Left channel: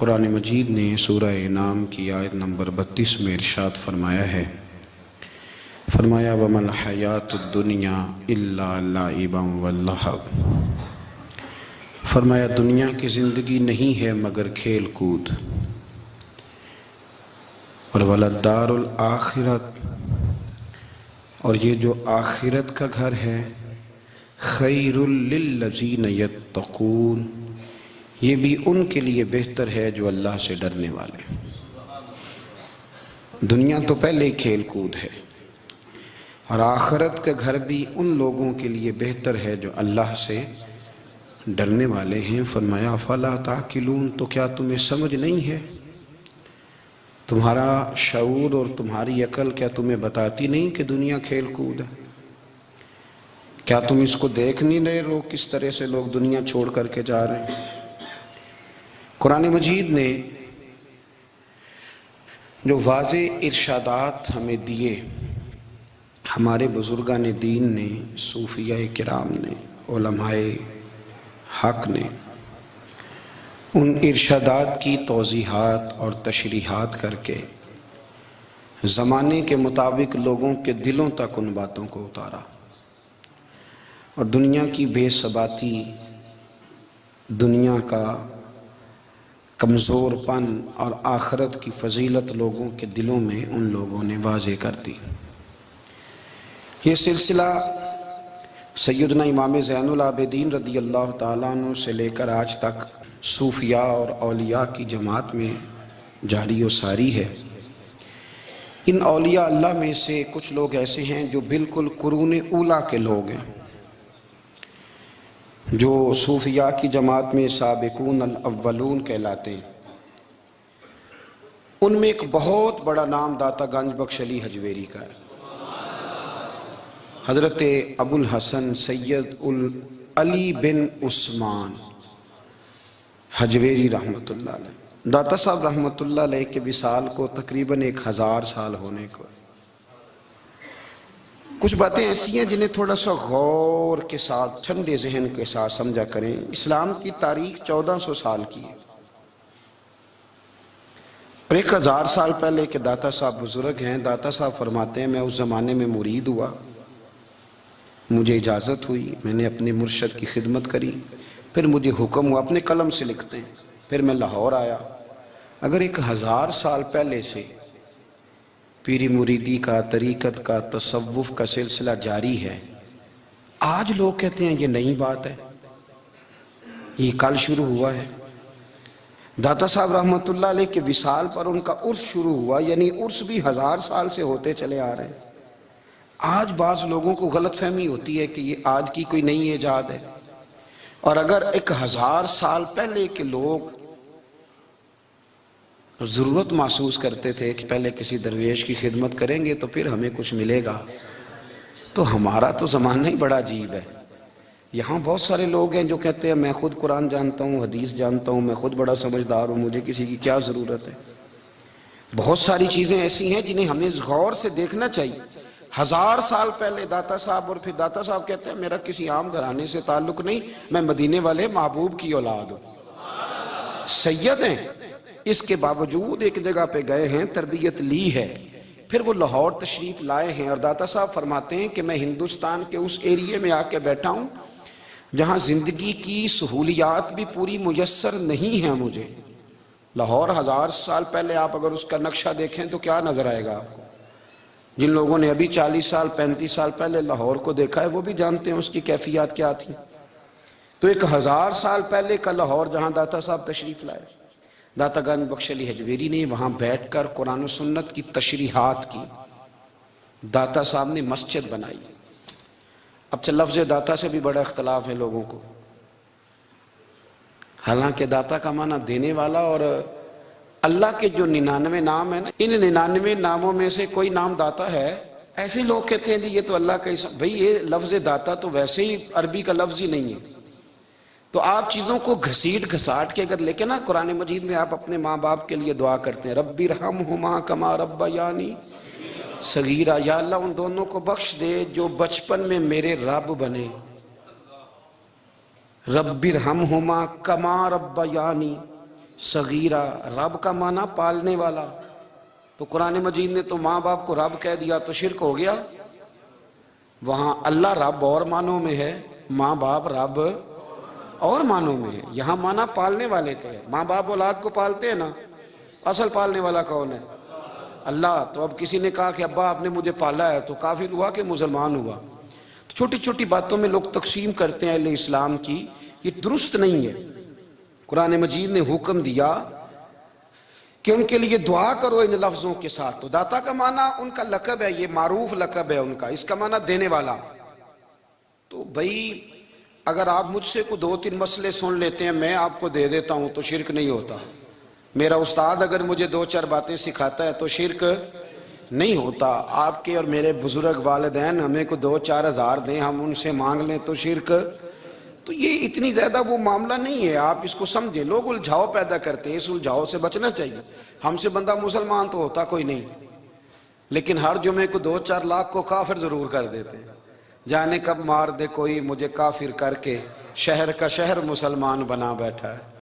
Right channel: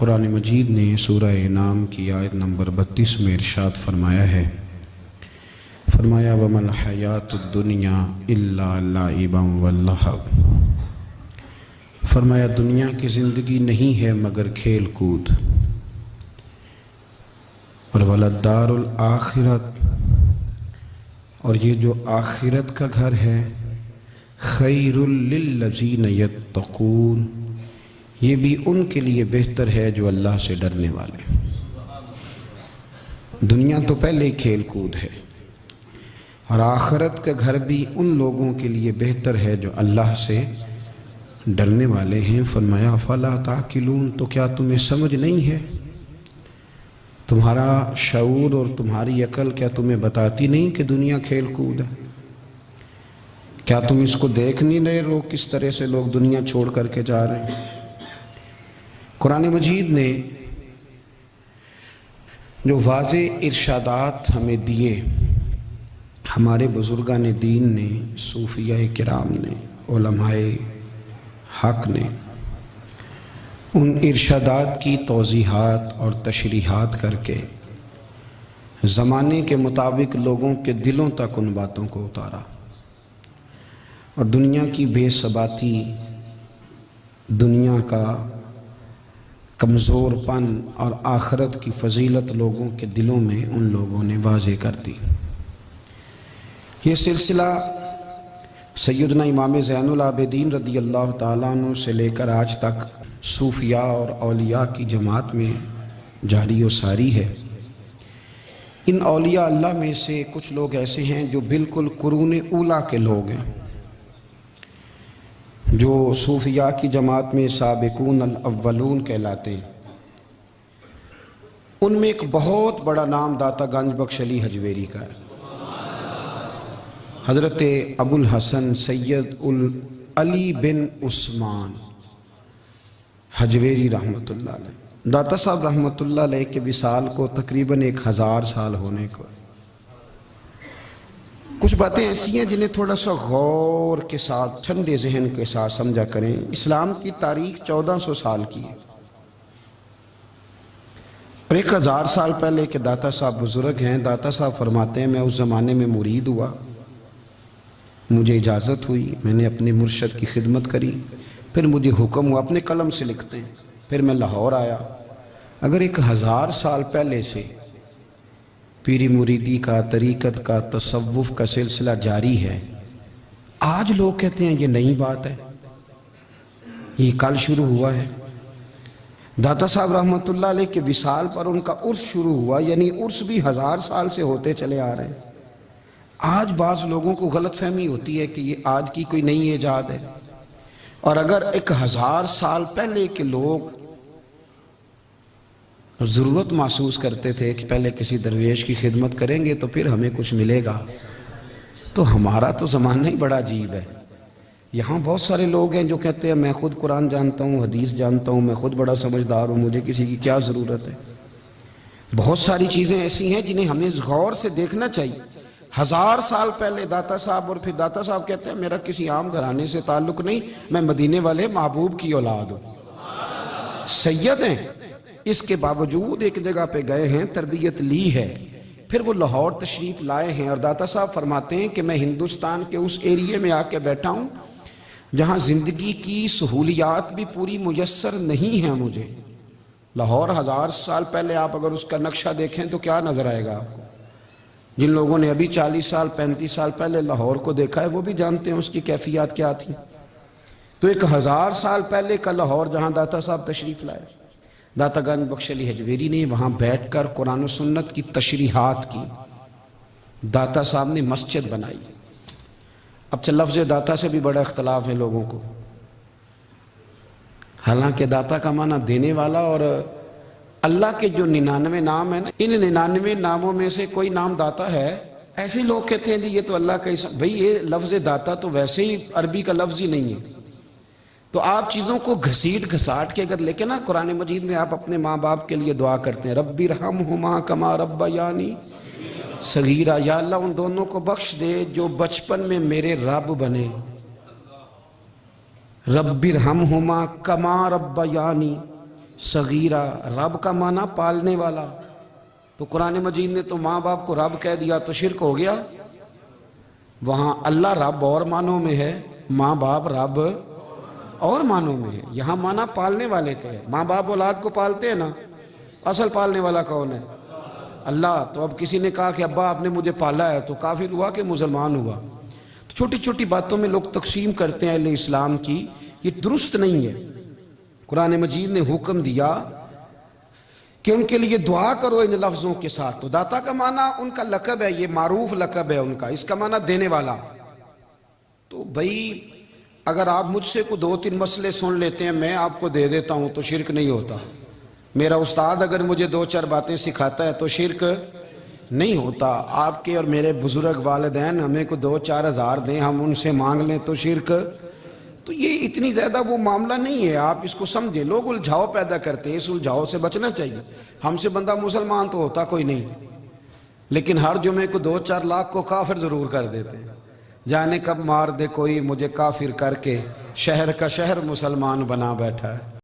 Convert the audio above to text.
قرآن مجید نے سورہ انعام کی آیت نمبر 32 میں ارشاد فرمایا ہے، فرمایا وَمَا الْحَيَاةُ الدُّنْيَا إِلَّا لَعِبًا وَلَّهْوٌ، فرمایا دنیا کی زندگی نہیں ہے مگر کھیل کود، اور وَلَلدَّارُ الْآخِرَةُ، اور یہ جو آخرت کا گھر ہے، خَيْرٌ لِلَّذِينَ يَتَّقُونَ، یہ بھی ان کے لیے بہتر ہے جو اللہ سے ڈرنے والے۔ دنیا تو پہلے ہی کھیل کود ہے، اور آخرت کا گھر بھی ان لوگوں کے لیے بہتر ہے جو اللہ سے ڈرنے والے ہیں۔ فرمایا فَلَا تَعْقِلُونَ، تو کیا تمہیں سمجھ نہیں ہے؟ تمہارا شعور اور تمہاری عقل کیا تمہیں بتاتی نہیں کہ دنیا کھیل کود ہے؟ کیا تم اس کو دیکھ نہیں رہے ہو کس طرح سے لوگ دنیا چھوڑ کر کے جا رہے ہیں؟ قرآن مجید نے جو واضح ارشادات ہمیں دیے، ہمارے بزرگان دین نے، صوفیاء کرام نے، علماء حق نے، ان ارشادات کی توضیحات اور تشریحات کر کے زمانے کے مطابق لوگوں کے دلوں تک ان باتوں کو اتارا، اور دنیا کی بے ثباتی، دنیا کا کمزور پن اور آخرت کی فضیلت لوگوں کے دلوں میں ان لوگوں نے واضح کر دی۔ یہ سلسلہ سیدنا امام زین العابدین رضی اللہ تعالیٰ عنہ سے لے کر آج تک صوفیاء اور اولیاء کی جماعت میں جاری و ساری ہے۔ ان اولیاء اللہ میں سے کچھ لوگ ایسے ہیں جو بالکل قرون اولیٰ کے لوگ ہیں، جو صوفیاء کی جماعت میں سابقون الاولون کہلاتے ہیں۔ ان میں ایک بہت بڑا نام داتا گنج بخش علی حجویری کا ہے۔ حضرت ابو الحسن سید علی بن عثمان حجویری رحمۃ اللہ علیہ، داتا صاحب رحمۃ اللہ علیہ کے وصال کو تقریباً 1000 سال ہونے کو۔ کچھ باتیں ایسی ہیں جنہیں تھوڑا سا غور کے ساتھ، ٹھنڈے ذہن کے ساتھ سمجھا کریں۔ اسلام کی تاریخ 1400 سال کی ہے، اور 1000 سال پہلے کے داتا صاحب بزرگ ہیں۔ داتا صاحب فرماتے ہیں میں اس زمانے میں مرید ہوا، مجھے اجازت ہوئی، میں نے اپنے مرشد کی خدمت کری، پھر مجھے حکم ہوا، اپنے قلم سے لکھتے ہیں، پھر میں لاہور آیا۔ اگر 1000 سال پہلے سے پیری مریدی کا، طریقت کا، تصوف کا سلسلہ جاری ہے، آج لوگ کہتے ہیں یہ نئی بات ہے، یہ کل شروع ہوا ہے۔ داتا صاحب رحمۃ اللہ علیہ کے وصال پر ان کا عرس شروع ہوا، یعنی عرس بھی 1000 سال سے ہوتے چلے آ رہے ہیں۔ آج بعض لوگوں کو غلط فہمی ہوتی ہے کہ یہ آج کی کوئی نئی ایجاد ہے، اور اگر 1000 سال پہلے کے لوگ ضرورت محسوس کرتے تھے کہ پہلے کسی درویش کی خدمت کریں گے تو پھر ہمیں کچھ ملے گا، تو ہمارا تو زمانہ ہی بڑا عجیب ہے۔ یہاں بہت سارے لوگ ہیں جو کہتے ہیں میں خود قرآن جانتا ہوں، حدیث جانتا ہوں، میں خود بڑا سمجھدار ہوں، مجھے کسی کی کیا ضرورت ہے۔ بہت ساری چیزیں ایسی ہیں جنہیں ہمیں غور سے دیکھنا چاہیے۔ 1000 سال پہلے داتا صاحب، اور پھر داتا صاحب کہتے ہیں میرا کسی عام گھرانے سے تعلق نہیں، میں مدینے والے محبوب کی اولاد ہوں، سید ہیں۔ اس کے باوجود ایک جگہ پہ گئے ہیں، تربیت لی ہے، پھر وہ لاہور تشریف لائے ہیں، اور داتا صاحب فرماتے ہیں کہ میں ہندوستان کے اس ایریے میں آ کے بیٹھا ہوں جہاں زندگی کی سہولیات بھی پوری میسر نہیں ہیں مجھے۔ لاہور 1000 سال پہلے آپ اگر اس کا نقشہ دیکھیں تو کیا نظر آئے گا آپ کو؟ جن لوگوں نے ابھی 40 سال 35 سال پہلے لاہور کو دیکھا ہے وہ بھی جانتے ہیں اس کی کیفیات کیا تھی۔ تو 1000 سال پہلے کا لاہور جہاں داتا صاحب تشریف لائے، داتا گنج بخش علی حجویری نے وہاں بیٹھ کر قرآن و سنت کی تشریحات کی۔ داتا صاحب نے مسجد بنائی۔ اب لفظ داتا سے بھی بڑا اختلاف ہے لوگوں کو، حالانکہ داتا کا معنی دینے والا، اور اللہ کے جو 99 نام ہیں نا، ان 99 ناموں میں سے کوئی نام داتا ہے۔ ایسے لوگ کہتے ہیں جی یہ تو اللہ کا اسم، بھئی یہ لفظ داتا تو ویسے ہی عربی کا لفظ ہی نہیں ہے۔ تو آپ چیزوں کو گھسیٹ گھساٹ کے اگر لے کے نا، قرآن مجید میں آپ اپنے ماں باپ کے لیے دعا کرتے ہیں رب ارحمہما کما ربیانی صغیرا، یا اللہ ان دونوں کو بخش دے جو بچپن میں میرے رب بنے۔ رب ارحمہما کما ربیانی صغیرہ، رب کا معنی پالنے والا، تو قرآن مجید نے تو ماں باپ کو رب کہہ دیا تو شرک ہو گیا۔ وہاں اللہ رب اور معنوں میں ہے، ماں باپ رب اور معنوں میں ہے، یہاں معنی پالنے والے کا ہے۔ ماں باپ اولاد کو پالتے ہیں نا، اصل پالنے والا کون ہے؟ اللہ۔ تو اب کسی نے کہا کہ ابا آپ نے مجھے پالا ہے، تو کافر ہوا کہ مسلمان ہوا؟ چھوٹی چھوٹی باتوں میں لوگ تقسیم کرتے ہیں اہل اسلام کی، یہ درست نہیں ہے۔ قرآن مجید نے حکم دیا کہ ان کے لیے دعا کرو ان لفظوں کے ساتھ۔ تو داتا کا معنی ان کا لقب ہے، یہ معروف لقب ہے ان کا، اس کا معنی دینے والا۔ تو بھئی اگر آپ مجھ سے کو 2-3 مسئلے سن لیتے ہیں، میں آپ کو دے دیتا ہوں تو شرک نہیں ہوتا۔ میرا استاد اگر مجھے 2-4 باتیں سکھاتا ہے تو شرک نہیں ہوتا۔ آپ کے اور میرے بزرگ والدین ہمیں کو 2-4 ہزار دیں، ہم ان سے مانگ لیں تو شرک، تو یہ اتنی زیادہ وہ معاملہ نہیں ہے، آپ اس کو سمجھیں۔ لوگ الجھاؤ پیدا کرتے ہیں، اس الجھاؤ سے بچنا چاہیے۔ ہم سے بندہ مسلمان تو ہوتا کوئی نہیں، لیکن ہر جمعے کو 2-4 لاکھ کو کافر ضرور کر دیتے ہیں۔ جانے کب مار دے کوئی مجھے کافر کر کے، شہر کا شہر مسلمان بنا بیٹھا ہے۔